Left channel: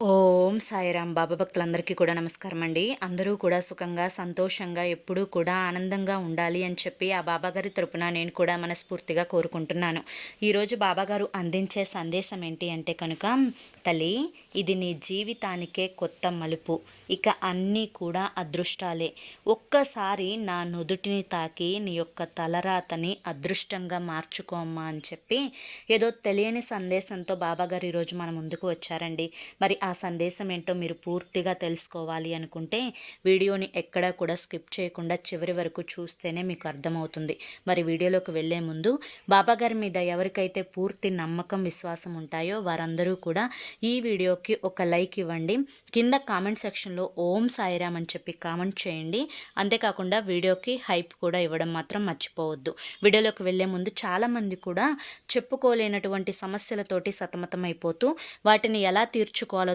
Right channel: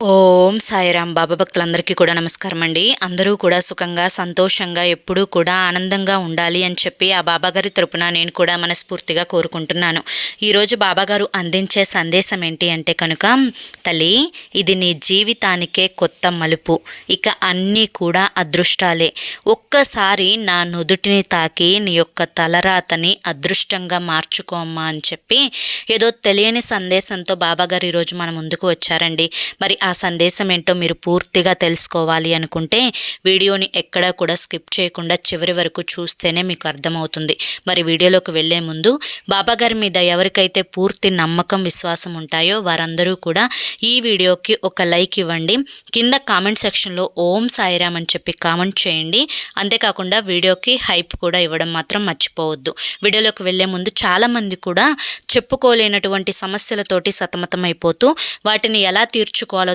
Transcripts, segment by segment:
ఓం సాయిరాం బాబా భక్తులందరికీ కూడా నమస్కారం అండి అందరూ కూడా సుఖంగా సంతోషంగా ఎప్పుడూ కూడా ఆనందంగా ఉండాలి అని చెప్పి ఆ బాబాగారి తరపున నేను కూడా మనస్ఫూర్తిగా కోరుకుంటున్నాను. ఈరోజు బాబాగారు అందించే సందేశం ఏంటి అంటే కనుక తల్లి ఇది నీ జీవితానికే కొత్త మలుపు. ఇక అన్నీ కూడా అదృష్టాలే. ఒక్కసారి నా నుదుటిని తాకి నీ యొక్క తలరాతని అదృష్టంగా మార్చుకోమ్మా అని చెప్పి ఏదో తెలియని సందేశంతో బాబాగారు ఈరోజు మన ముందుకు వచ్చారండి. మరి ఆ సందేశం ఏంటో మీరు పూర్తిగా తెలుసుకోవాలి అనుకుంటే వీడియోని ఎక్కడా కూడా స్కిప్ చేయకుండా చివరి వరకు చూస్తేనే మీకు అర్థమవుతుంది. మరి వీడియోలోకి వెళ్ళే ముందు బాబాగారి మీద ఎవరికైతే పూర్తి నమ్మకం విశ్వాసం ఉంటాయో వారందరూ కూడా ఈ వీడియోకి ఒక లైక్ ఇవ్వండి. కింద కామెంట్ సెక్షన్లో ఓం సాయిరామ్ అని చెప్పి కామెంట్ చేయండి. అంతేకాకుండా వీడియోకి హైప్ కూడా ఇవ్వడం మాత్రం మర్చిపోవద్దు. వీడియోలోకి వెళ్ళే ముందు చాలామంది కూడా చెప్పుకోలేనటువంటి సమస్యలతోటి సతమతమైపోతూ వాటిని ఎలా తీర్చుకోవాలో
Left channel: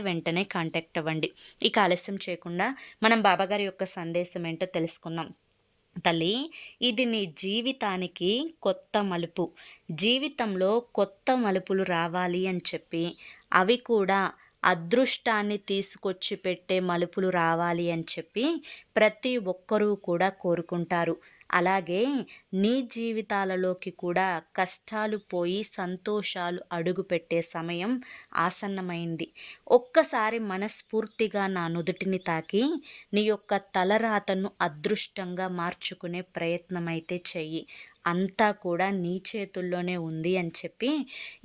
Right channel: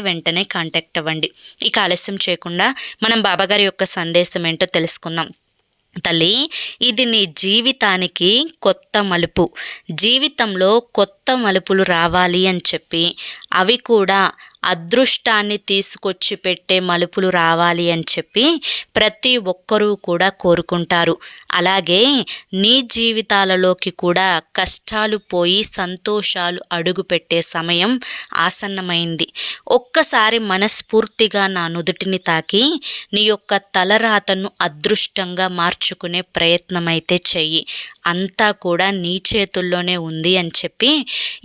వెంటనే కాంటాక్ట్ అవ్వండి. ఇక ఆలస్యం చేయకుండా మనం బాబాగారి యొక్క సందేశం ఏంటో తెలుసుకుందాం. తల్లి ఇది నీ జీవితానికి కొత్త మలుపు. జీవితంలో కొత్త మలుపులు రావాలి అని చెప్పి అవి కూడా అదృష్టాన్ని తీసుకొచ్చి పెట్టే మలుపులు రావాలి అని చెప్పి ప్రతి ఒక్కరూ కూడా కోరుకుంటారు. అలాగే నీ జీవితాలలోకి కూడా కష్టాలు పోయి సంతోషాలు అడుగుపెట్టే సమయం ఆసన్నమైంది. ఒక్కసారి మనస్ఫూర్తిగా నా నుదుటిని తాకి నీ యొక్క తలరాతను అదృష్టంగా మార్చుకునే ప్రయత్నమైతే చెయ్యి. అంతా కూడా నీ చేతుల్లోనే ఉంది అని చెప్పి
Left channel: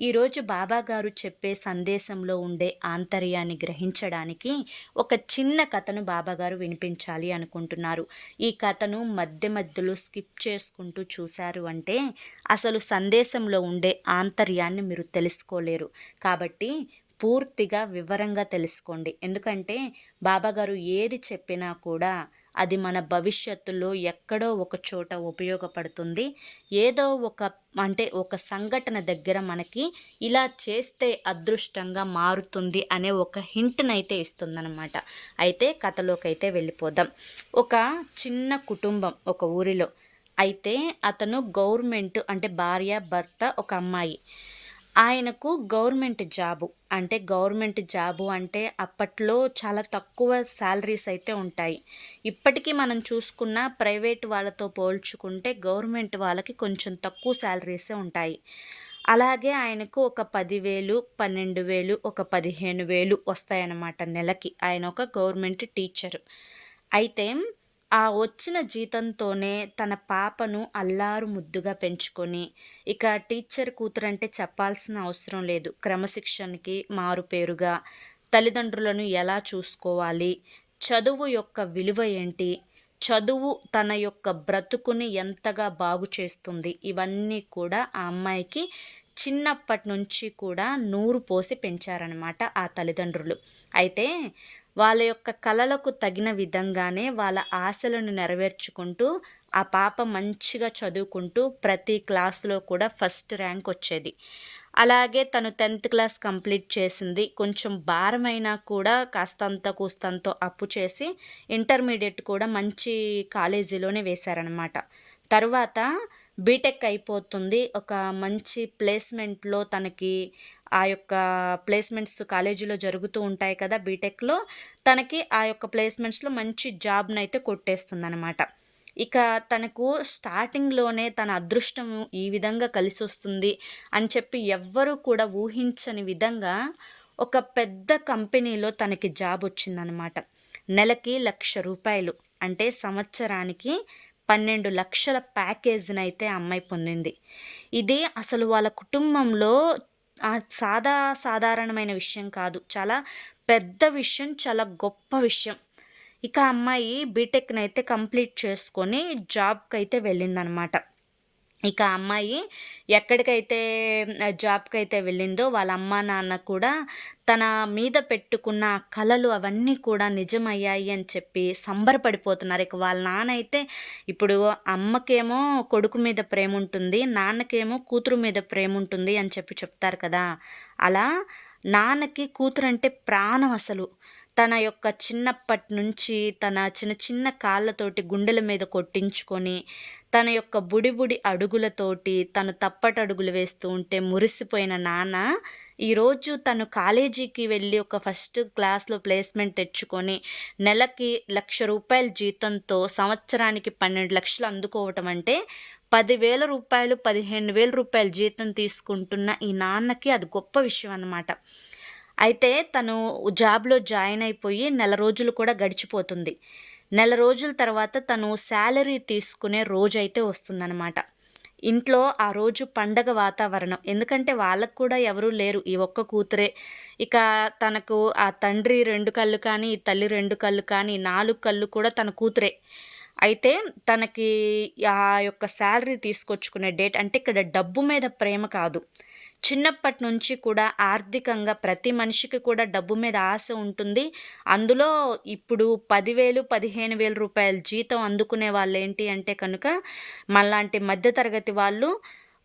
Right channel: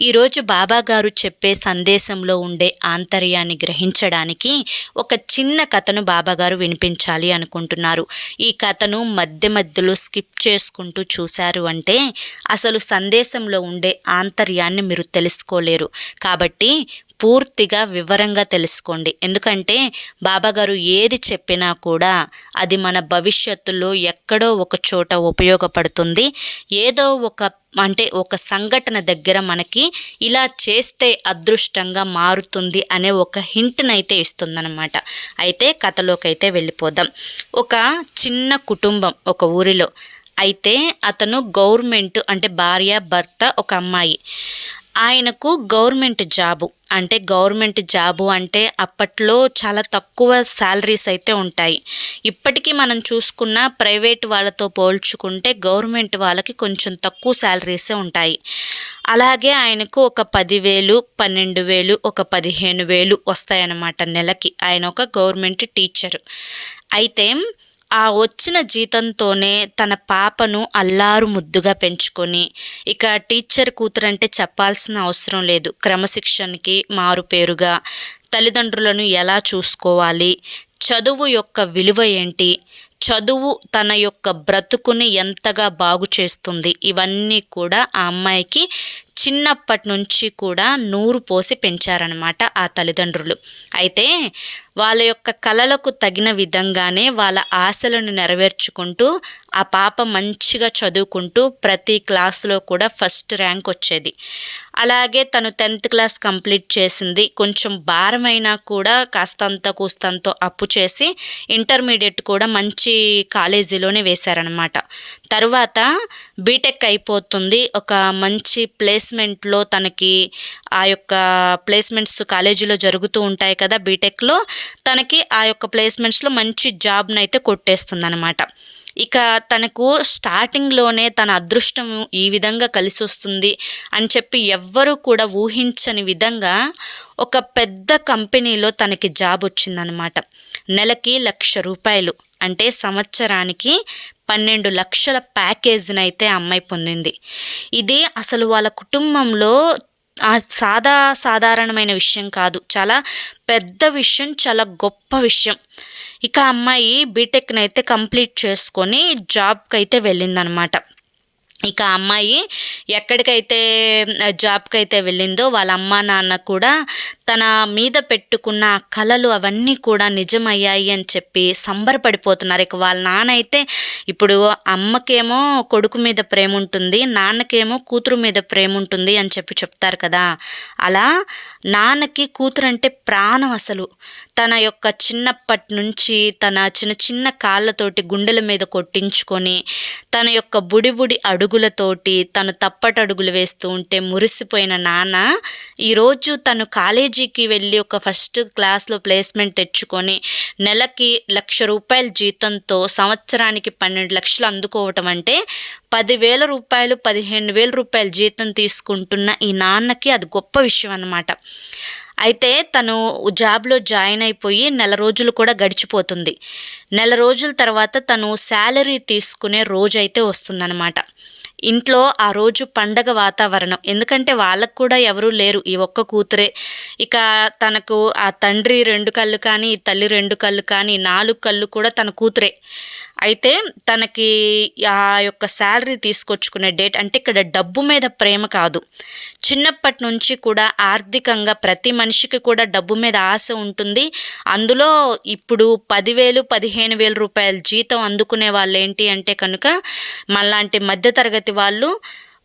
ఈరోజు బాబాగారు చెప్పే సందేశంలో ఉండే ఆంతర్యాన్ని గ్రహించడానికి ఒక చిన్న కథను బాబాగారు వినిపించాలి అనుకుంటున్నారు. ఈ కథను మధ్య మధ్యలో స్కిప్ చేసుకుంటూ చూశారు అంటే అసలు సందేశంలో ఉండే ఆంతర్యాన్ని మీరు తెలుసుకోలేరు. కాబట్టి పూర్తిగా వివరంగా తెలుసుకోండి. ఎందుకంటే బాబాగారు ఏది చెప్పినా కూడా అది మన భవిష్యత్తులో ఎక్కడో ఒక చోట ఉపయోగపడుతుంది. ఏదో ఒక అంటే ఒక సంఘటన దగ్గర మనకి ఇలా చేస్తే అదృష్టంగా మారుతుంది అనే ఒక హింట్నైతే ఇస్తుందన్నమాట. అయితే కథలోకి అయితే వెళ్ళిపోదాం. ఒక చిన్న కుటుంబం ఒక ఊరిలో. అయితే అతను గవర్నమెంట్ అంటే భార్య భర్త ఒక అమ్మాయి. ఆయనకు గవర్నమెంట్ జాబు. అంటే గవర్నమెంట్ జాబు అంటే అప్పట్లో చాలా తక్కువ శాలరీస్ అయితే ఉంటాయి. ఇప్పటికీ మనం చూసుకున్న ప్రైవేట్ వాళ్ళతో పోల్చుకుంటే గవర్నమెంట్ వాళ్ళకి కొంచెం తక్కువ శాలరీసే ఉంటాయి. అలాగే ఆయనకు ఒక పదివేలు పన్నెండు వేలు ఒక పదిహేను వేలు వస్తాయన్నమాట నెలకి. ఆయన ఒక గవర్నమెంట్ టీచర్. అయితే ఆ వచ్చిన జీతంతోనే తన పాపను అల్లారు ముద్దుగా పెంచుకొని ఇక టీచర్ కూతురంటే చెప్పాల్సిన అవసరం లేదు. క్రమశిక్షణకి మారుపేరుగా తల్లిదండ్రులను ఎలా చూసుకోవాలి? చదువు యొక్క విలువ ఏంటి? చదువు తన యొక్క బ్రతుకుని ఎంతగా బాగు చేస్తుంది? ఇవన్నీ కూడా ఆ అమ్మాయికి చిన్నప్పటి నుంచి కూడా నూరు పోసి పెంచారనమాట ఆ తల్లిదండ్రులు. అయితే వాళ్ళ యొక్క కళలకు తగిన విధంగానే వాళ్ళ ఆశలను నెరవేర్చుకుంటూ ఆ పాప మంచిగా చదువుకుంటూ ప్రతి క్లాస్లో కూడా ఫస్ట్ ర్యాంక్ వచ్చేది. అలాగే తను టెన్త్ క్లాస్ కంప్లీట్ చేసింది. కొంచెం భారమైనా కూడా కాస్తంత కూస్తంతో అప్పు చేసి ఇంటర్మీడియట్ కూడా మంచి కాలేజీలోనే వేశారనమాట తర్వాత బీటెక్ అయిపోతుంది. ఒక మంచి ప్లేస్ ప్లేస్మెంట్లో తనకి ఆ యొక్క ప్లేస్మెంట్స్ కాలేజీలో జరుగుతూ ఉంటాయి కదా బీటెక్లో తనకి ఆ యొక్క ప్లేస్మెంట్స్లో మంచి జాబ్ని అయితే కొట్టేస్తుంది అనమాట ఇక తనకు స్టార్టింగ్లోనే తన అదృష్టం ఈ విధంగా కలిసి వస్తుంది అని చెప్పి ఎవ్వరూ కూడా ఊహించని విధంగా ఒక పెద్ద కంపెనీలో తనకి జాబ్ వచ్చిందనమాట నెలకి లక్ష రూపాయలు అంటే సంవత్సరానికి పన్నెండు లక్షల ప్యాకేజ్ని అయితే అమ్మాయి పొందింది. ఇది అసలు వాళ్ళ కుటుంబంలో సాదా సాధారణమైన విషయం కాదు. చాలా పెద్ద విషయం చాలా గొప్ప విషయం. ఇక అమ్మాయి బీటెక్ని అయితే కంప్లీట్ చేసుకొని జాబ్కి అయితే వెళ్ళిందనమాట. ఇక అమ్మాయి ఎక్కడికైతే జాబ్కి అయితే వెళ్ళిందో వాళ్ళ అమ్మ నాన్న కూడా తన మీద పెట్టుకున్న కళలు అవన్నీ కూడా నిజమయ్యాయి అని చెప్పి సంబరపడిపోతున్నారు. ఇక వాళ్ళ నాన్న అయితే ఇప్పుడు అమ్మకేమో కొడుకు మీద ప్రేమ ఉంటుంది నాన్నకేమో కూతురు మీద ప్రేమ ఉంటుంది అని చెప్పి చెప్తారు కదా. అలా నాన్నకి కూతురంటే ప్రాణం అసలు. తన యొక్క చిన్నప్పటి నుంచి తన చిన్న చిన్న కాళ్ళతోటి గుండెల మీద కొట్టించుకొని తన యొక్క బుడి బుడి అడుగులతోటి తను తప్పటడుగులు వేస్తూ ఉంటే మురిసిపోయిన నాన్న ఈరోజు తను కాలేజీకి వెళ్ళి ఒక ఫస్ట్ క్లాస్లో ప్లేస్మెంట్ తెచ్చుకొని నెలకి లక్ష రూపాయల జీతంతో సంవత్సరానికి పన్నెండు లక్షలు అందుకోవటం అంటే పదివేల రూపాయలు పదిహేను వేల రూపాయల జీతం తీసుకుంటున్న ఈ నాన్నకి అది గొప్ప విషయం అన్నమాట. అయితే తను జాబ్లో జాయిన్ అయిపోయి నెల రోజులు కూడా గడిచిపోతుంది. నెల రోజుల తర్వాత తను శాలరీ తీసుకునే రోజు అయితే వస్తుందన్నమాట. ఇంట్లో ఆ రోజు పండగ వాతావరణం. ఎందుకంటే వాళ్ళకు కూడా ఎవరూ లేరు. ఈ ఒక్క కూతురే. ఇక తనకు ఆ తండ్రి రెండు కళ్ళు కానీ తల్లి రెండు కళ్ళు కానీ నాలుగు కళ్ళు కూడా తన కూతురే. అయితే తనకి ఆ యొక్క శాలరీ తీసుకొచ్చుకునే డేట్ అంటే ఇక్కడ డబ్బు మీద ప్రేమ కాదు. చిన్నప్పటి నుంచి కూడా ఆర్థికంగా ప్రతి మనిషికి కూడా డబ్బు మీద ఆశ ఉంటుంది. అందులో ఇప్పుడు పదివేలు పదిహేను వేల రూపాయల జీతం అందుకునే వాళ్ళు ఏంటి అంటే కనుక మళ్ళాంటి మధ్యతరగతి వాళ్ళు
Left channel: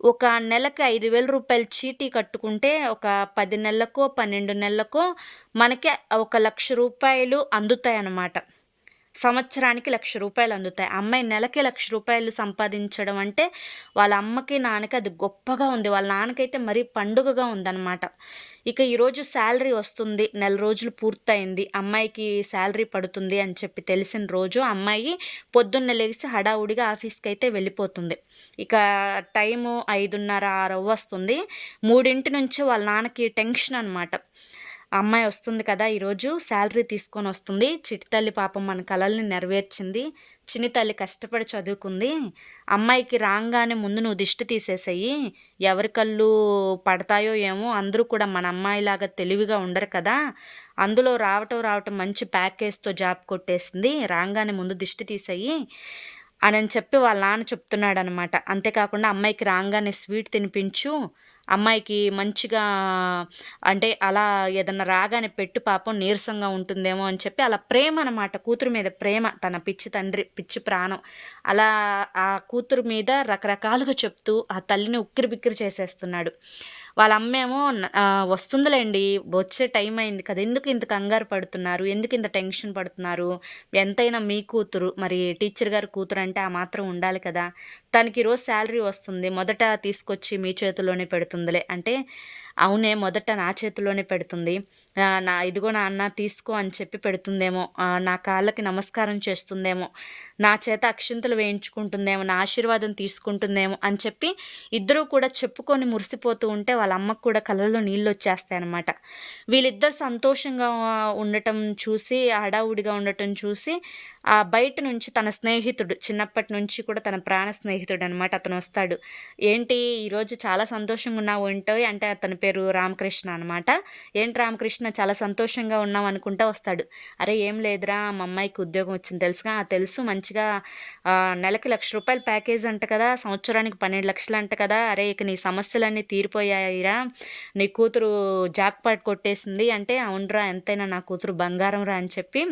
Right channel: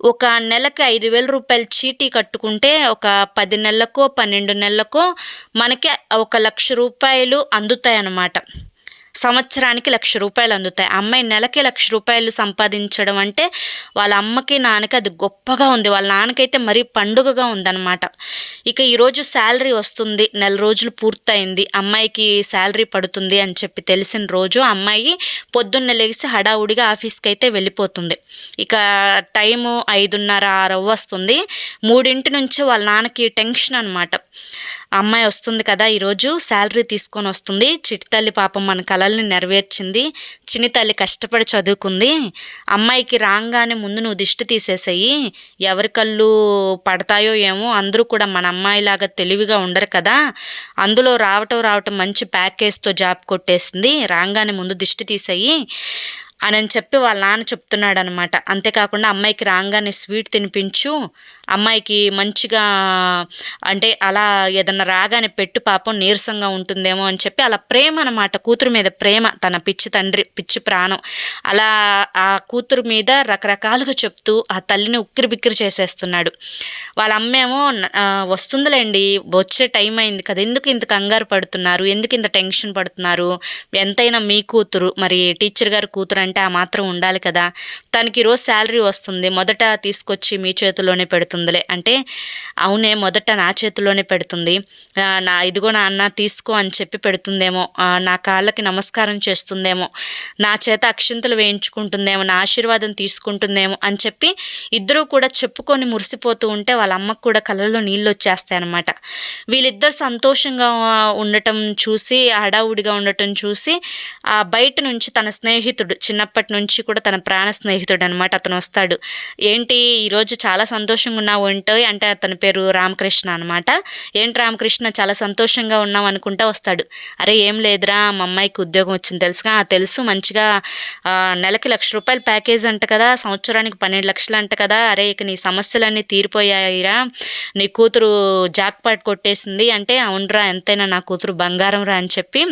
ఒక నెలకి ఐదు వేల రూపాయలు చీటీ కట్టుకుంటే ఒక పది నెలలకో పన్నెండు నెలలకో మనకి ఒక లక్ష రూపాయలు అందుతాయి అన్నమాట సంవత్సరానికి లక్ష రూపాయలు అందుతాయి. అమ్మాయి నెలకి లక్ష రూపాయలు సంపాదించడం అంటే వాళ్ళ అమ్మకి నాన్నకి అది గొప్పగా ఉంది. వాళ్ళ నాన్నకైతే మరీ పండుగగా ఉందన్నమాట. ఇక ఈరోజు శాలరీ వస్తుంది. నెల రోజులు పూర్తయింది. అమ్మాయికి శాలరీ పడుతుంది అని చెప్పి తెలిసిన రోజు అమ్మాయి పొద్దున్న లేచి హడావుడిగా ఆఫీస్కి అయితే వెళ్ళిపోతుంది. ఇక టైము ఐదున్నర ఆరు వస్తుంది మూడింటి నుంచి వాళ్ళ నాన్నకి టెన్షన్ అనమాట అమ్మాయి వస్తుంది కదా ఈరోజు శాలరీ తీసుకొని వస్తుంది. చిటి తల్లి పాపం మన కళల్ని నెరవేర్చింది. చిన్ని తల్లి కష్టపడి చదువుకుంది. అమ్మాయికి రాగానే ముందు నువ్వు దిష్టి తీసేసేయి. ఎవరి కళ్ళు పడతాయో ఏమో అందరూ కూడా మన అమ్మాయిలాగా తెలివిగా ఉండరు కదా. అందులో రావటం రావటం మంచి ప్యాకేజ్తో జాబ్ కొట్టేసింది. రాగానే ముందు దిష్టి తీసేయి అని చెప్పి వాళ్ళ నాన్న చెప్తున్నాడు అనమాట అంతేకాకుండా అమ్మాయికి రాగానే స్వీట్ తినిపించు. అమ్మాయికి మంచిగా అంటే అలా ఏదన్నా రాగానే పెట్టు పాపం నీరసంగా ఉంటుందేమో అని చెప్పి అలా ప్రేమ అనమాట కూతురు మీద ప్రేమ తన పిచ్చి తండ్రి పిచ్చి ప్రాణం. అలా ఆ కూతురు మీద రకరకాలుగా చెప్తూ ఆ తల్లిని ఉక్కిరి బిక్కిరి చేసేస్తున్నాడు. వాళ్ళ అమ్మేమో వస్తుందిలేండి వచ్చే టైం అయింది కదా ఎందుకు ఇంత కంగారు పడుతున్నారు ఎందుకు ఇంత టెన్షన్ పడుతున్నారు ఎంతైనా మీ కూతురు మరి టీచర్ గారు కూతురు అంటే ఆ మాత్రం ఉండాలి కదా తనకి ఈరోజు శాలరీ వస్తుంది మొదట తీసుకొచ్చి మీ చేతిలోనే పెడుతుందిలే. అంటే అవునే మొదట నా చేతిలోనే పెడుతుంది. నా ఇదిగో నా అన్న తీసుకో అని చెప్పి పెడుతుందేమో. నా కాళ్ళకి నమస్కారం చేస్తుందేమో. నా చేత అక్షింతలు వేయించుకుంటుందేమో. నా ఆశీర్వాదం తీసుకుంటుందేమో అని చెప్పి ఇద్దరూ కూడా చెప్పుకొని మురిసిపోతూ ఉంటే వాళ్ళ అమ్మకు కూడా కళ్ళలో నీళ్ళు వచ్చేస్తాయి అనమాట వీళ్ళిద్దరు సంతోషంగా ఉండటం చూసి హడావుడిగా ఉండటం చూసి ఆ బయట నుంచి తన స్నేహితుడు చిన్నప్పటి నుంచి కూడా తన ప్రాణ స్నేహితుడు స్నేహితుడు అనమాట అతను వస్తాడు. ఏంటి? ఈరోజు చాలా సంతోషంగా నా ఏంటో అంటే అతని పేరు రామకృష్ణ అనమాట ఏంటి రామకృష్ణ చాలా సంతోషంగా ఉన్నాం అనుకుంటా వస్తాడు. అరే ఏం లేదురా మా అమ్మాయికి ఉద్యోగం వచ్చింది తెలుసుగా? తెలుసు మంచిగా నెలకి లక్ష రూపాయల ప్యాకేజ్ అంట కదా సంవత్సరానికి పన్నెండు లక్షలు అంట కదా అరే ఇక నీ సమస్యలన్నీ తీరిపోయాయిరా నీ కూతురు జాక్పాట్ కొట్టేసింది అంటే అవునరా ఎంతైనా నా కూతురు బంగారం రా అని చెప్పి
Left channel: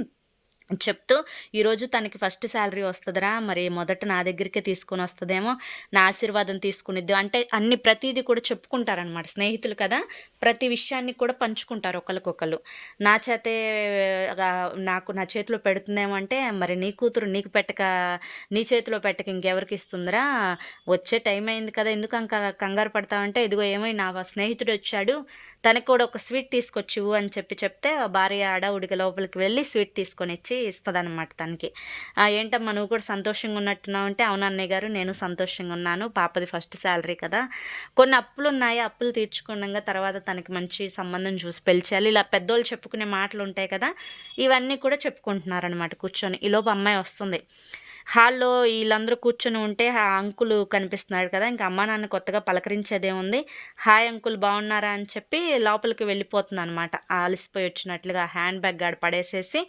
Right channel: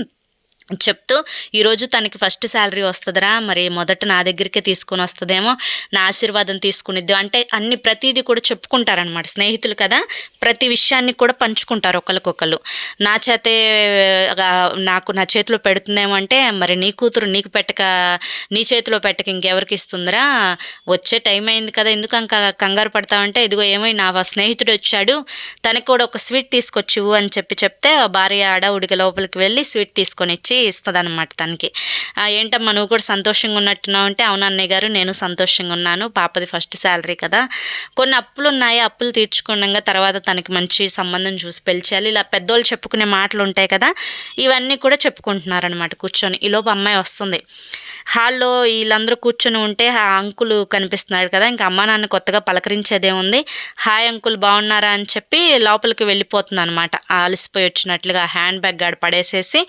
చెప్తూ ఈరోజు తనకి ఫస్ట్ శాలరీ వస్తుందిరా మరి మొదట నా దగ్గరికే తీసుకొని వస్తుందేమో నా ఆశీర్వాదం తీసుకునిద్ది. అంటే అన్ని ప్రతిదీ కూడా చెప్పుకుంటారనమాట స్నేహితులు కదా ప్రతి విషయాన్ని కూడా పంచుకుంటారు ఒకరికొకరు నా చేతే నాకు నా చేతిలో పెడుతుందేమో అంటే మరి నీ కూతురు నీకు పెట్టక నీ చేతిలో పెట్టక ఇంకెవరికి ఇస్తుందిరా? వచ్చే టైం అయింది కదా ఎందుకు అంక కంగారు పడతావంటే ఇదిగో ఏమో నా స్నేహితుడు వచ్చాడు తనకు కూడా ఒక స్వీట్ తీసుకొచ్చివు అని చెప్పి చెప్తే భార్య ఆడ ఉడికి లోపలికి వెళ్ళి స్వీట్ తీసుకొని ఇచ్చి తీసుకొచ్చి ఇస్తుందన్నమాట తనకి. ఏంటమ్మా నువ్వు కూడా సంతోషంగా ఉన్నట్టున్నావు అంటే అవును అన్నయ్య గారు నేను సంతోషంగా ఉన్నాను. పాపది ఫస్ట్ శాలరీ కదా. కొన్ని అప్పులు ఉన్నాయి అప్పులు తీర్చుకున్నాక తర్వాత తనకి మంచి సంబంధం చూసి పెంచాలి. ఇలా పెద్దోళ్ళు చెప్పుకునే మాటలు ఉంటాయి కదా ఇవన్నీ కూడా చెప్పుకుంటున్నారనమాట కూర్చొని. ఈలోపు అమ్మాయి వస్తుంది. హాల్లో వీళ్ళందరూ కూర్చొని ఉంటే ఆ అంకులు కనిపిస్తున్నాడు కదా ఇంకా అమ్మ నాన్న కొత్తగా పలకరించేదేముంది హాయ్ అంకుల్ బాగున్నారా? అని చెప్పి లోపలికి వెళ్ళిపోతుంది అనమాట అలసిపోయి వచ్చినట్లుగా హ్యాండ్ బ్యాగ్ గాడు పడేసేసి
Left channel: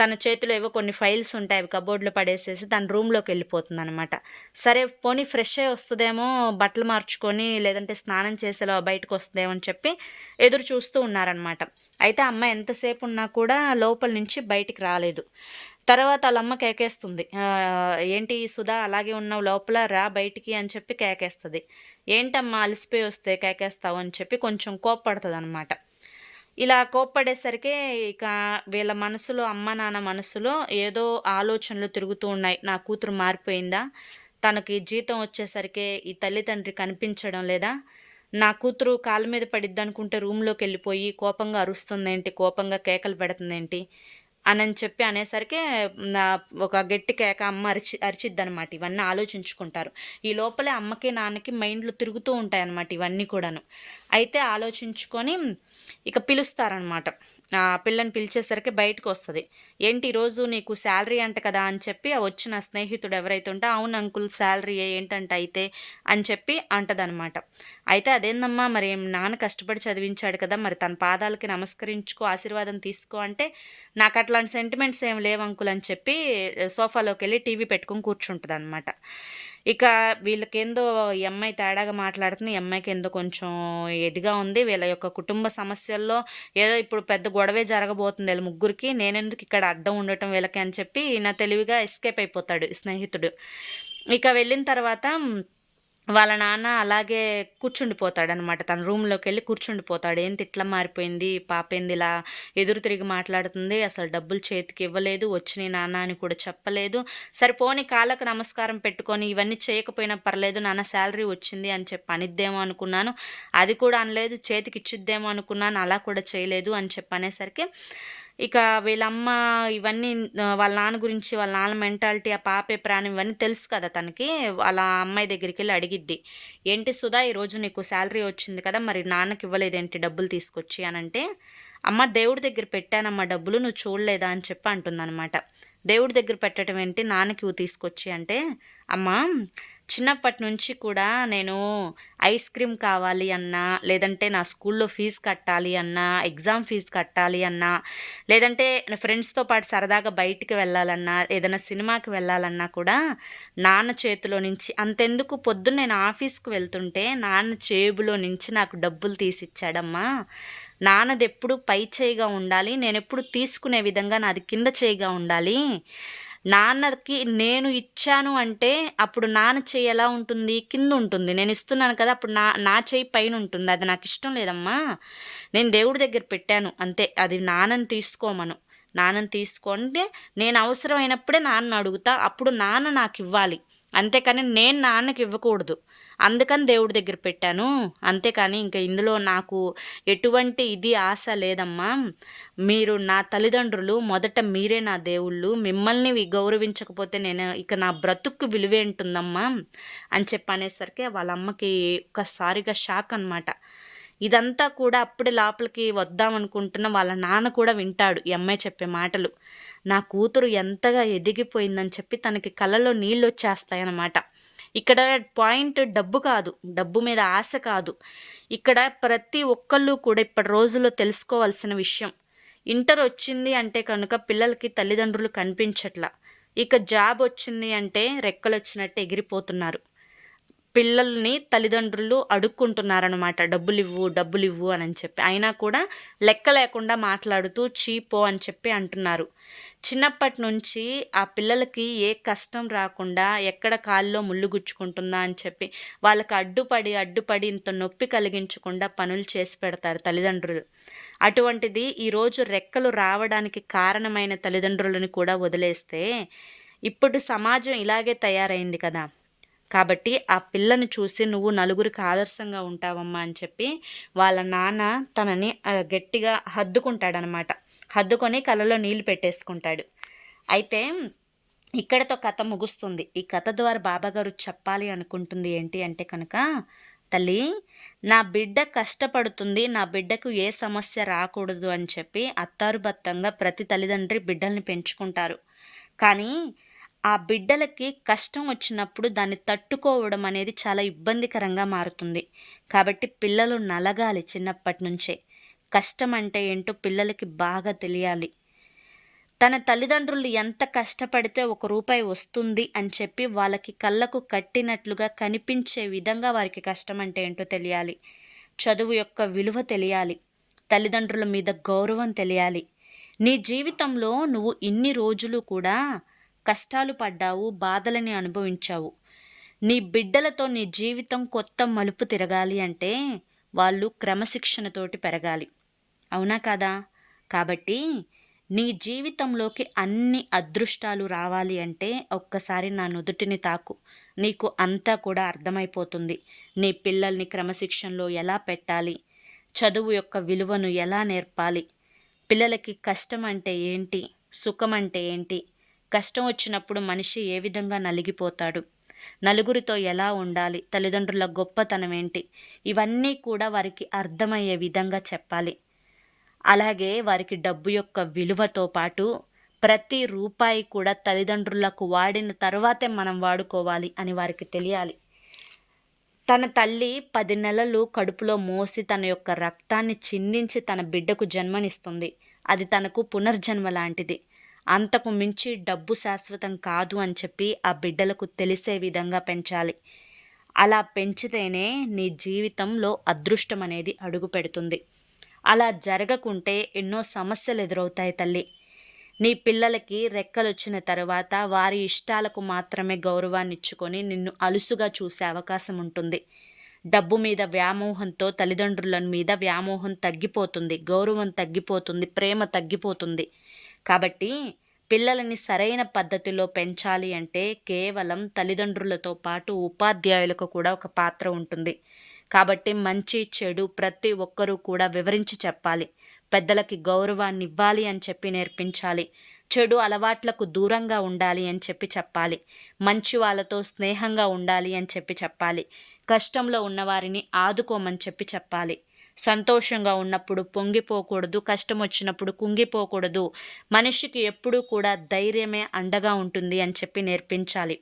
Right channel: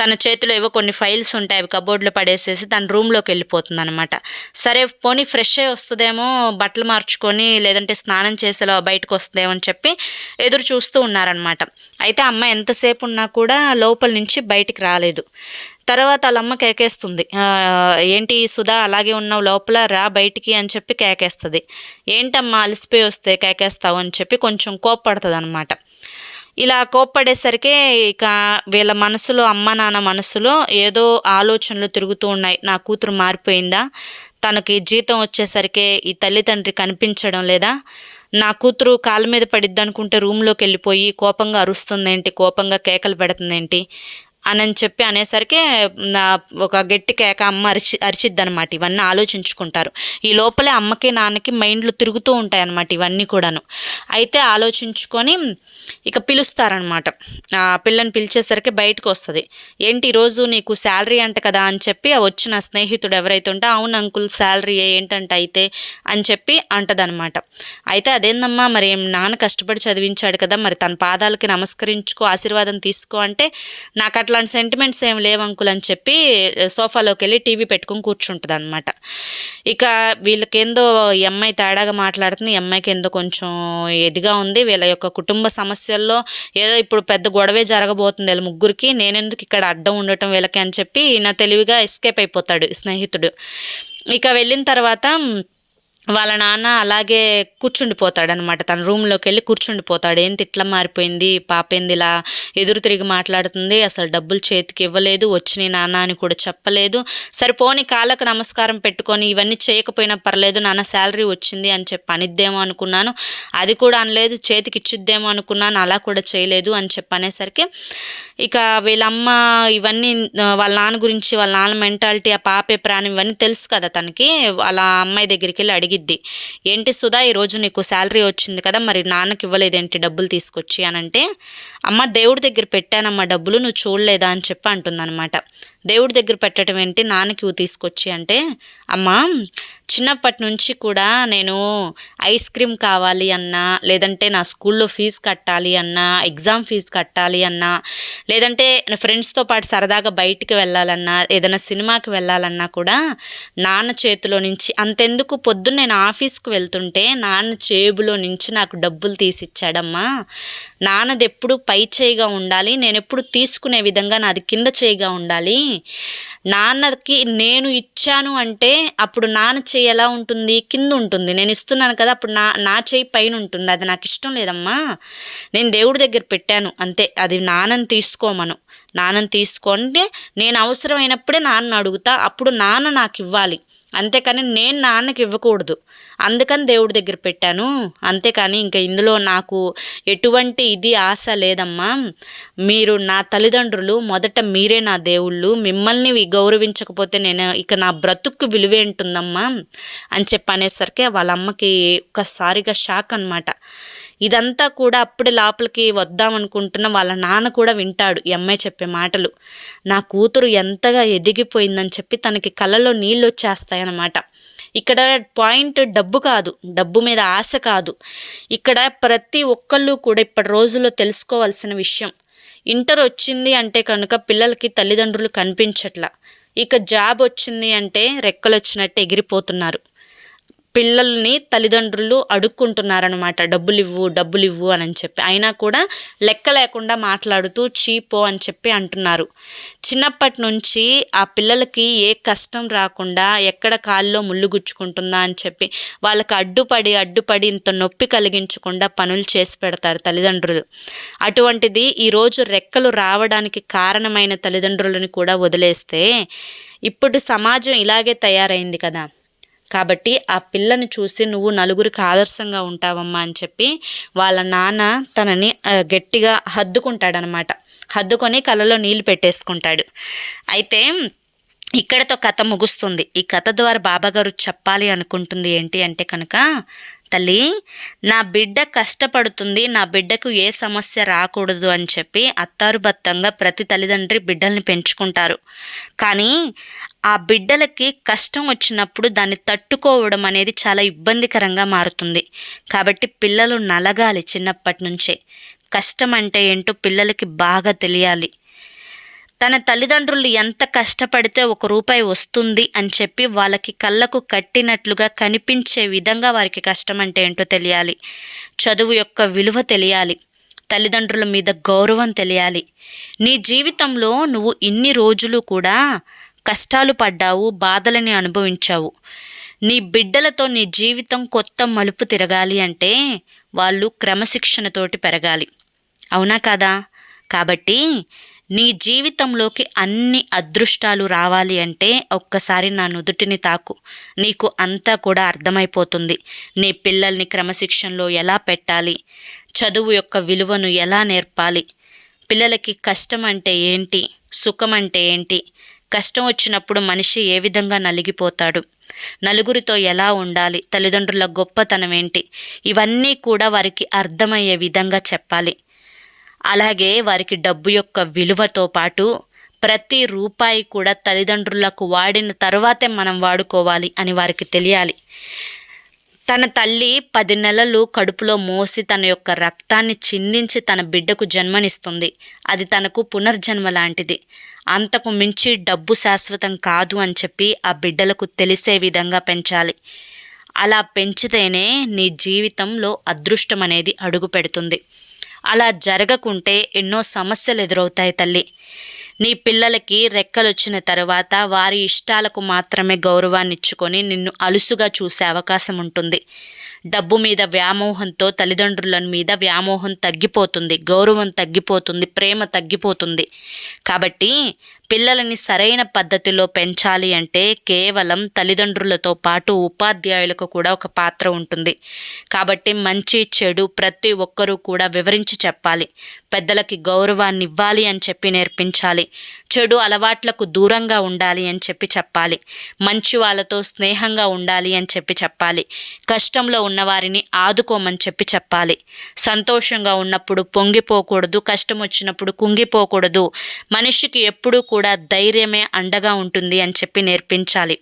తన చేతిలో ఏవో కొన్ని ఫైల్స్ ఉంటాయి అవి కబోర్డ్లో పడేసేసి తన రూమ్లోకి వెళ్ళిపోతుంది అనమాట సరే పోనీ ఫ్రెష్ అయ్యి వస్తుందేమో బట్టలు మార్చుకొని లేదంటే స్నానం చేసేలా బయటకు వస్తుందేమో అని చెప్పి ఎదురు చూస్తూ ఉన్నారనమాట అయితే అమ్మ ఎంతసేపు ఉన్నా కూడా లోపల నుంచి బయటికి రాలేదు. తర్వాత వాళ్ళ అమ్మ కేకేస్తుంది. ఏంటి సుధా అలాగే ఉన్నావు లోపల రా బయటికి అని చెప్పి కేకేస్తుంది. ఏంటమ్మా అలసిపోయి వస్తే కేకేస్తావు అని చెప్పి కొంచెం కోప్పడుతుంది అనమాట ఇలా కోప్పడేసరికి ఇక వీళ్ళ మనసులో అమ్మ నాన్న మనసులో ఏదో ఆలోచనలు తిరుగుతూ ఉన్నాయి. నా కూతురు మారిపోయిందా? తనకి జీతం వచ్చేసరికి ఈ తల్లిదండ్రి కనిపించడం లేదా? నా కూతురు కాళ్ళ మీద పడిద్ది అనుకుంటే రూమ్లోకి వెళ్ళిపోయి కోపంగా అరుస్తుందేంటి? కోపంగా కేకలు పెడుతుందేంటి? అని చెప్పి అనేసరికి ఒక గట్టి కేక అమ్మ అరిచి అరిచిద్ది అనమాట ఇవన్నీ ఆలోచించుకుంటారు. ఈ లోపలే అమ్మకి నాన్నకి మైండ్లు తిరుగుతూ ఉంటాయి అన్నమాట ఇవన్నీ కూడాను. అయితే ఆలోచించుకొని ఇక పిలుస్తారనమాట పిల్లని పిలిచేసరికి బయటకు వస్తుంది ఏంటి ఈరోజు నీకు శాలరీ అంట కదా? అని చెప్పి ఆ వచ్చిన స్నేహితుడు ఎవరైతే ఉంటే అవును అంకుల్ శాలరీ ఏంటంట అయితే? అని చెప్పి అంటదనమాట అయితే అదేందమ్మా మరి నాన్న కష్టపడి చదివించాడు కదా మరి తన పాదాలకి నమస్కరించుకో ఆశీర్వాదం తీసుకో అంటే నాకు అట్లా అట్లాంటి సెంటిమెంట్స్ ఏం లేవు అంకుల్ అని చెప్పి సోఫాలోకి వెళ్ళి టీవీ పెట్టుకుని కూర్చుంటుంది అనమాట ఇక వీళ్ళకేందో ఈ అమ్మాయి తేడాగా మాట్లాడుతుంది ఈ అమ్మాయికి ఏందో కొంచెం ఎదిగా ఉంది. వీళ్ళ యొక్క కుటుంబ సమస్యల్లో ఏదో ఇప్పుడు పెద్ద గొడవే జరగబోతుంది వీళ్ళ ముగ్గురికి. నేనెందుకు ఇక్కడ అడ్డం ఉండటం వీళ్ళకి అని చెప్పి ఈయన తెలివిగా ఎస్కేప్ అయిపోతాడు స్నేహితుడు. ఇక వెళ్ళిన తర్వాత వాళ్ళ నాన్న అలాగే కూర్చుండిపోతాడనమాట. తన రూమ్లోకి వెళ్ళి కూర్చుండిపోతాడు. ఏంటి ఇట్లా మారిపోయింది? పాప ఏంది ఇలా ఎదురు తిరిగి మాట్లాడుతుంది. అసలు డబ్బులు చేతికి ఇవ్వలేదు. వచ్చినాయి నాన్న అని కూడా చెప్పలేదు. సరే పోని కాళ్ళకు నమస్కారం పెట్టుకొని ఇవన్నీ చేయకపోయినా పర్లేదు. నాన్న శాలరీ వచ్చింది అని చెప్పి అనిద్దేమో అనుకున్నాను. అది కూడా అనలేదు. చేతికి ఇచ్చిద్దేమో అనుకున్నాను. అలా కూడా చేయలేదు అని చెప్పి అనేసరికి ఇక వీళ్ళమ్మ ఇవన్నీ వాళ్ళ నాన్న గురించి వాళ్ళ నాన్న మెంటాలిటీ ఆ పాపే ప్రాణం ఇవన్నీ తెలుసు కదా తనకి. వాళ్ళ అమ్మాయి దగ్గరికి వెళ్ళి అడిగి అడిగిద్ది ఏంటి సుధా ఈరోజు నీకు శాలరీ వచ్చింది కదా మరి నాన్నకి ఇవ్వలేదేంటి డబ్బులు తీసుకొచ్చి అని అంటే అమ్మ దేవుడి దగ్గర పెట్టానమ్మా డబ్బులు నువ్వు చూడలేదా అని చెప్పి అంటుందన్నమాట. దేవుడి దగ్గర పెట్టడం ఏంటి? నాన్నకి తీసుకొచ్చి అంటే అమ్మా చిన్నప్పటి నుంచి కూడా నేను ఐస్ క్రీమ్ కావాలి అన్నా లేదంటే నా స్కూల్లో ఫీజు కట్టాలి అన్నా ఎగ్జామ్ ఫీజు కట్టాలి అన్నా లేదంటే నా ఫ్రెండ్స్తో పాటు సరదాగా బయటికి వెళ్ళాలన్నా ఏదైనా సినిమాకి వెళ్ళాలన్నా కూడా నాన్న చేతిలో నుంచి అంతెందుకు పొద్దున్న నేను ఆఫీస్కి వెళ్తుంటే నాన్న చేబులో నుంచి నాకు డబ్బులు తీసిచ్చాడమ్మా. నాన్నది ఎప్పుడు పై చేయిగా ఉండాలి. నేను ఎప్పుడు తీసుకునే విధంగా నాది కింద చేయిగా ఉండాలి. నాన్నకి నేను ఇచ్చాను అంటే అప్పుడు నాన్న చేయి ఎలా ఉంటుంది? కింద ఉంటుంది. నేను ఇస్తున్నాను కదా అప్పుడు నా నా చేయి పైన ఉంటుంది. అది నాకు ఇష్టం లేదమ్మా. నేను దేవుడి దగ్గర పెట్టాను. అంతే. అది నాన్నని తీసుకోమను. నాన్నని తీసుకుంటే నేను అవసరమైనప్పుడే నాన్న అడుగుతా. అప్పుడు నాన్న నాకు ఇవ్వాలి. అంతేకాని నేను నాన్నకి ఇవ్వకూడదు. అందుకని దేవుడి దగ్గర పెట్టాను. అంతేకాని ఇంకా ఇందులో నాకు ఎటువంటి ఇది ఆశ లేదమ్మా. మీరు నా తల్లిదండ్రులు మొదట మీరే నా దేవుళ్ళు. మిమ్మల్ని గౌరవించకపోతే నేను ఇక నా బ్రతుకు విలువేంటుందమ్మా అని చెప్పి అనేసరికి వాళ్ళ అమ్మకి ఒక్కసారిగా షాక్ అనమాట ఇదంతా కూడా అప్పుడే లోపలికి వద్దాం అనుకుంటున్న వాళ్ళ నాన్న కూడా వింటాడు ఈ అమ్మాయి చెప్పే మాటలు. నా కూతురు ఎంతగా ఎదిగిపోయిందని చెప్పి తనకి కళ్ళలో నీళ్ళు వచ్చేస్తాయన్నమాట. ఇక్కడ పాయింట్ డబ్బు కాదు డబ్బు మీద ఆశ కాదు. ఇక్కడ ప్రతి ఒక్కళ్ళు కూడా ఇప్పటి రోజుల్లో తెలుసుకోవాల్సిన విషయం ఇంటర్ వచ్చింది అంటే కనుక పిల్లలకి తల్లిదండ్రులు కనిపించట్లా. ఇక జాబ్ వచ్చింది అంటే రెక్కలు వచ్చినట్టు ఎగిరిపోతున్నారు. పిల్లల్ని తల్లిదండ్రులు అడుక్కుంటున్నారనమాట డబ్బులు ఇవ్వు డబ్బులు ఇవ్వు అని చెప్పి. అయినా కూడా లెక్క లేకుండా మాట్లాడుతూ చీపో అని చెప్పి అంటున్నారు. చిన్నప్పటి నుంచి ఆ పిల్లలకి ఏ కష్టం రాకుండా ఎక్కడ కాల్లో ముళ్ళు గుచ్చుకుంటుందా అని చెప్పి వాళ్ళకి అడ్డుపడి అడ్డుపడి ఇంత నొప్పి కలిగించకుండా పనులు చేసి పెడతారు తల్లిదండ్రులు. అటువంటిది ఈరోజు రెక్కలు రావడానికి కారణమైన తల్లిదండ్రులను కూడా వదిలేస్తే ఇప్పుడు సమాజం ఇలాగే తయారైంది కదా. కాబట్టి ఆ పిల్లని చూసి నువ్వు నలుగురికి ఆదర్శంగా ఉంటావమ్మా అని చెప్పి వాళ్ళ నాన్న తనని గట్టిగా హద్దుకుంటాడనమాట. హద్దుకొని కళ్ళలో నీళ్ళు పెట్టేసుకుంటాడు. అయితే ఇక్కడతో కథ ముగుస్తుంది. ఈ కథ ద్వారా బాబాగారు చెప్పాలి అనుకుంటుంది ఏంటి అంటే కనుక తల్లి నా బిడ్డ కష్టపడుతుంది. నా బిడ్డకు ఏ సమస్య రాకూడదు అని చెప్పి అత్తారుబత్తంగా ప్రతి తల్లిదండ్రి బిడ్డల్ని పెంచుకుంటారు. కానీ ఆ బిడ్డలకి కష్టం వచ్చినప్పుడు దాన్ని తట్టుకోవడం అనేది చాలా ఇబ్బందికరంగా మారుతుంది. కాబట్టి పిల్లలు నలగాలి చిన్నప్పటి నుంచే కష్టం అంటే ఏంటో పిల్లలకి బాగా తెలియాలి. తన తల్లిదండ్రులు ఎంత కష్టపడితే ఒక రూపాయి వస్తుంది అని చెప్పి వాళ్ళకి కళ్ళకు కట్టినట్లుగా కనిపించే విధంగా వారికి కష్టం అంటే ఏంటో తెలియాలి. చదువు యొక్క విలువ తెలియాలి. తల్లిదండ్రుల మీద గౌరవం తెలియాలి. నీ జీవితంలో నువ్వు ఇన్ని రోజులు కూడా కష్టాలు పడ్డావు బాధలని అనుభవించావు. నీ బిడ్డలతో నీ జీవితం కొత్త మలుపు తిరగాలి అంటే వాళ్ళు క్రమశిక్షణతోటి పెరగాలి. అవునా కదా? కాబట్టి నీ జీవితంలోకి అన్ని అదృష్టాలు రావాలి అంటే ఒక్కసారి నా నుదుటిని తాకు. నీకు అంతా కూడా అర్థమైపోతుంది. నీ పిల్లల్ని క్రమశిక్షణలో ఎలా పెట్టాలి? చదువు యొక్క విలువను ఎలా నేర్పాలి? పిల్లలకి కష్టం అంటే ఏంటి? సుఖం అంటే ఏంటి? కష్టం వచ్చినప్పుడు మనిషి ఏ విధంగా నలిగిపోతాడు? నలుగురితో ఎలా ఉండాలి? తల్లిదండ్రుల గొప్పతనం ఏంటి ఇవన్నీ కూడా వారికి అర్థమయ్యే విధంగా చెప్పాలి. అలాగే వారికి డబ్బు యొక్క విలువతో పాటు ప్రతి రూపాయి కూడా తల్లిదండ్రులకు వాడిన తర్వాతే మనం వాడుకోవాలి అని వారికి తెలియాలి. తన తల్లి పది నెలలు కడుపులో మోసి తన యొక్క రక్తాన్ని చిందించి తన బిడ్డకు జన్మనిస్తుంది. అది తనకు పునర్జన్మ లాంటిది. అంతకు మించి డబ్బు శాశ్వతం కాదు అని చెప్పి ఆ బిడ్డలకు తెలిసే విధంగా పెంచాలి. అలా పెంచితేనే నీ జీవితంలో అదృష్టం అనేది అడుగు పెడుతుంది అలా జరగకుంటే ఎన్నో సమస్యలు ఎదురవుతాయి తల్లి. నీ పిల్లలకి రెక్కలు వచ్చిన తర్వాత వారి ఇష్టాలకు మాత్రమే గౌరవాన్ని ఇచ్చుకొని నిన్ను అలుసుగా చూసే అవకాశం ఉంటుంది. డబ్బు మీద వ్యామోహంతో తల్లిదండ్రుల మీద వ్యామోహం తగ్గిపోతుంది. గౌరవం తగ్గిపోతుంది. ప్రేమ తగ్గిపోతుంది. కాబట్టి పిల్లలని సరైన పద్ధతిలో పెంచాలి అంటే కేవలం తల్లిదండ్రులతో పాటు ఉపాధ్యాయులకు కూడా ఒక పాత్ర ఉంటుంది. కాబట్టి మంచి చెడు ప్రతి ఒక్కరూ కూడా వివరించి చెప్పాలి. పెద్దలకి గౌరవాన్ని ఇవ్వాలి అని చెప్పి నేర్పించాలి. చెడు అలవాట్లకు దూరంగా ఉండాలి అని చెప్పి చెప్పాలి. మంచి వాళ్ళతో స్నేహంగా ఉండాలి అని చెప్పి చెప్పాలి. కష్టంలో ఉన్నవారిని ఆదుకోమని చెప్పి చెప్పాలి. సంతోషంగా ఉన్నప్పుడు పొంగిపోకూడదు కష్టం వచ్చినప్పుడు కుంగిపోకూడదు. మనిషికి ఎప్పుడూ కూడా ధైర్యమే అండగా ఉంటుంది అని చెప్పి నేర్పించాలి.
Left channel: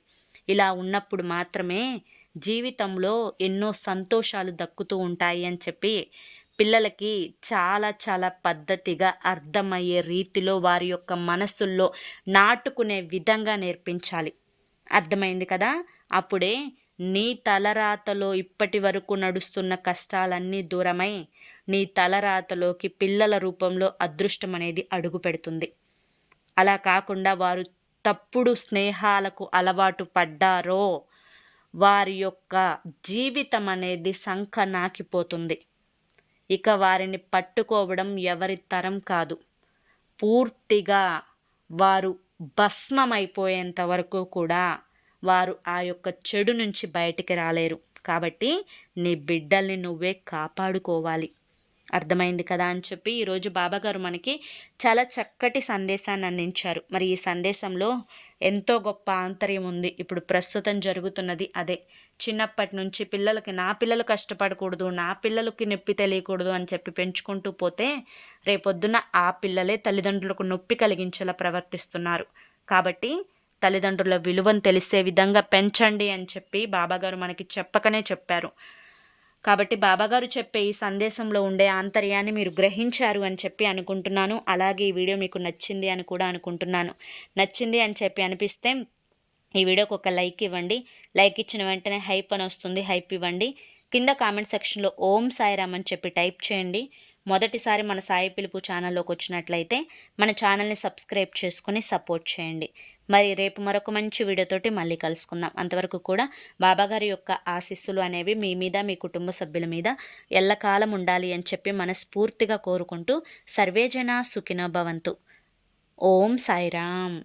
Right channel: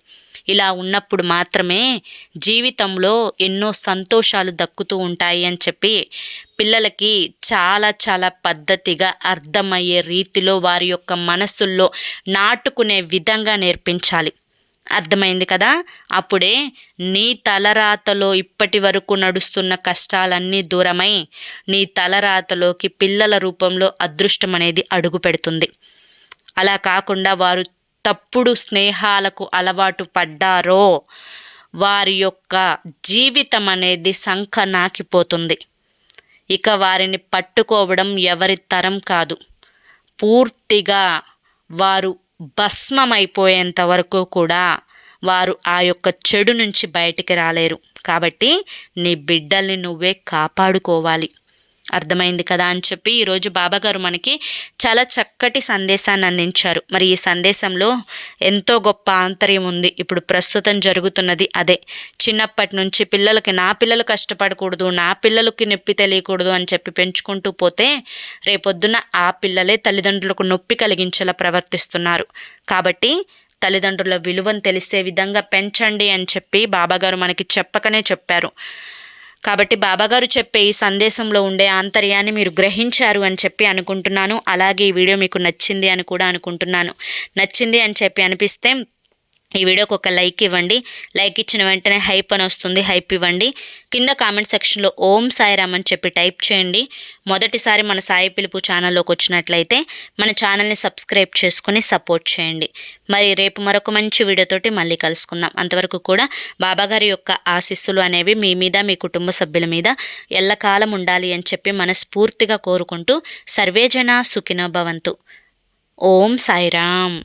ఇలా ఉన్నప్పుడు మాత్రమే జీవితంలో ఎన్నో సంతోషాలు దక్కుతూ ఉంటాయి అని చెప్పి పిల్లలకి చాలా చాలా పద్ధతిగా అర్థమయ్యే రీతిలో వారి యొక్క మనసుల్లో నాటుకునే విధంగా నేర్పించాలి. అర్థమైంది కదా? అప్పుడే నీ తలరాతలో ఇప్పటి వరకు నడుస్తున్న కష్టాలన్నీ దూరమై నీ తలరాతలోకి పిల్లల రూపంలో అదృష్టం అనేది అడుగు పెడుతుంది అలా కాకుండా వారు తప్పుడు స్నేహాలకు అలవాటు పడ్డారో వారి యొక్క జీవితం అనేది సంఖ నాకిపోతుంది. ఇక వారిని పట్టుకోవడం ఎవరి తరం కాదు. పూర్తిగా వారు భస్మమైపోయేంత వరకు కూడా వారు ఆ యొక్క చెడు నుంచి బయటికి రాలేరు. కాబట్టి నీ బిడ్డల్ని నువ్వే కాపాడుకోవాలి. అర్థమైంది కదా అని చెప్పి ఈరోజు బాబాగారు మనకి చాలా చక్కటి సందేశాన్ని అందించారు. మరి ఈ సందేశంలో ఎంతో గొప్ప ఆంతర్యం ఉంది. ఇప్పుడు ప్రస్తుతం జరుగుతున్నది అదే. చిన్నప్పటి నుంచి పిల్లలకి నా పిల్లలు కష్టపడకూడదు నా పిల్లలకి నొప్పి తెలియకూడదు అని చెప్పి పెంచుకుంటూ పోతే రేపొద్దున ఆ పిల్లలే తల్లిదండ్రులకు నొప్పి కలిగించేలా ప్రవర్తిస్తున్నారు. కాబట్టి తల్లిదండ్రుల విలువను తెలిసే విధంగా పెంచండి అని చెప్పి బాబాగారు మనకి చెప్పకనే చెప్పారు. కాబట్టి బాబాగారు చెప్పే ఈ సందేశంలో ఉండే ఆంతర్యాన్ని మీరు గ్రహించారు అని చెప్పి అనుకుంటున్నాను. అలాగే ఈ వీడియో మీకు నచ్చింది అని కూడా అనుకుంటున్నాను. నచ్చింది అని చెప్పి అనిపిస్తే ఈ వీడియోకి ఒక లైక్ ఇవ్వండి. లైక్ ఇచ్చిన వెంటనే హైప్ అని వస్తుంది. హైప్ ఇవ్వండి. కింద కామెంట్ సెక్షన్లో ఓం సాయిరామ్ అని చెప్పి టైప్ చేయండి. మొదటిసారి మన సాయి పిలుపు ఛానల్లోకి వచ్చినట్లయితే మన ఛానల్ని సబ్స్క్రైబ్ చేసుకుని సపోర్ట్ చేయండి. మరి రేపు మరొక మంచి వీడియోతోటి మళ్ళీ కలుసుకుందాం. అంతవరకు కూడా బాబాగారి యొక్క ఆశీస్సులు అనేవి మీ మీద మీ కుటుంబ సభ్యుల మీద ఎల్లకాలం ఉండాలి అని చెప్పి మనస్ఫూర్తిగా కోరుకుంటూ సర్వేజన సుఖినో భవంతు. ఓం సాయిరామ్.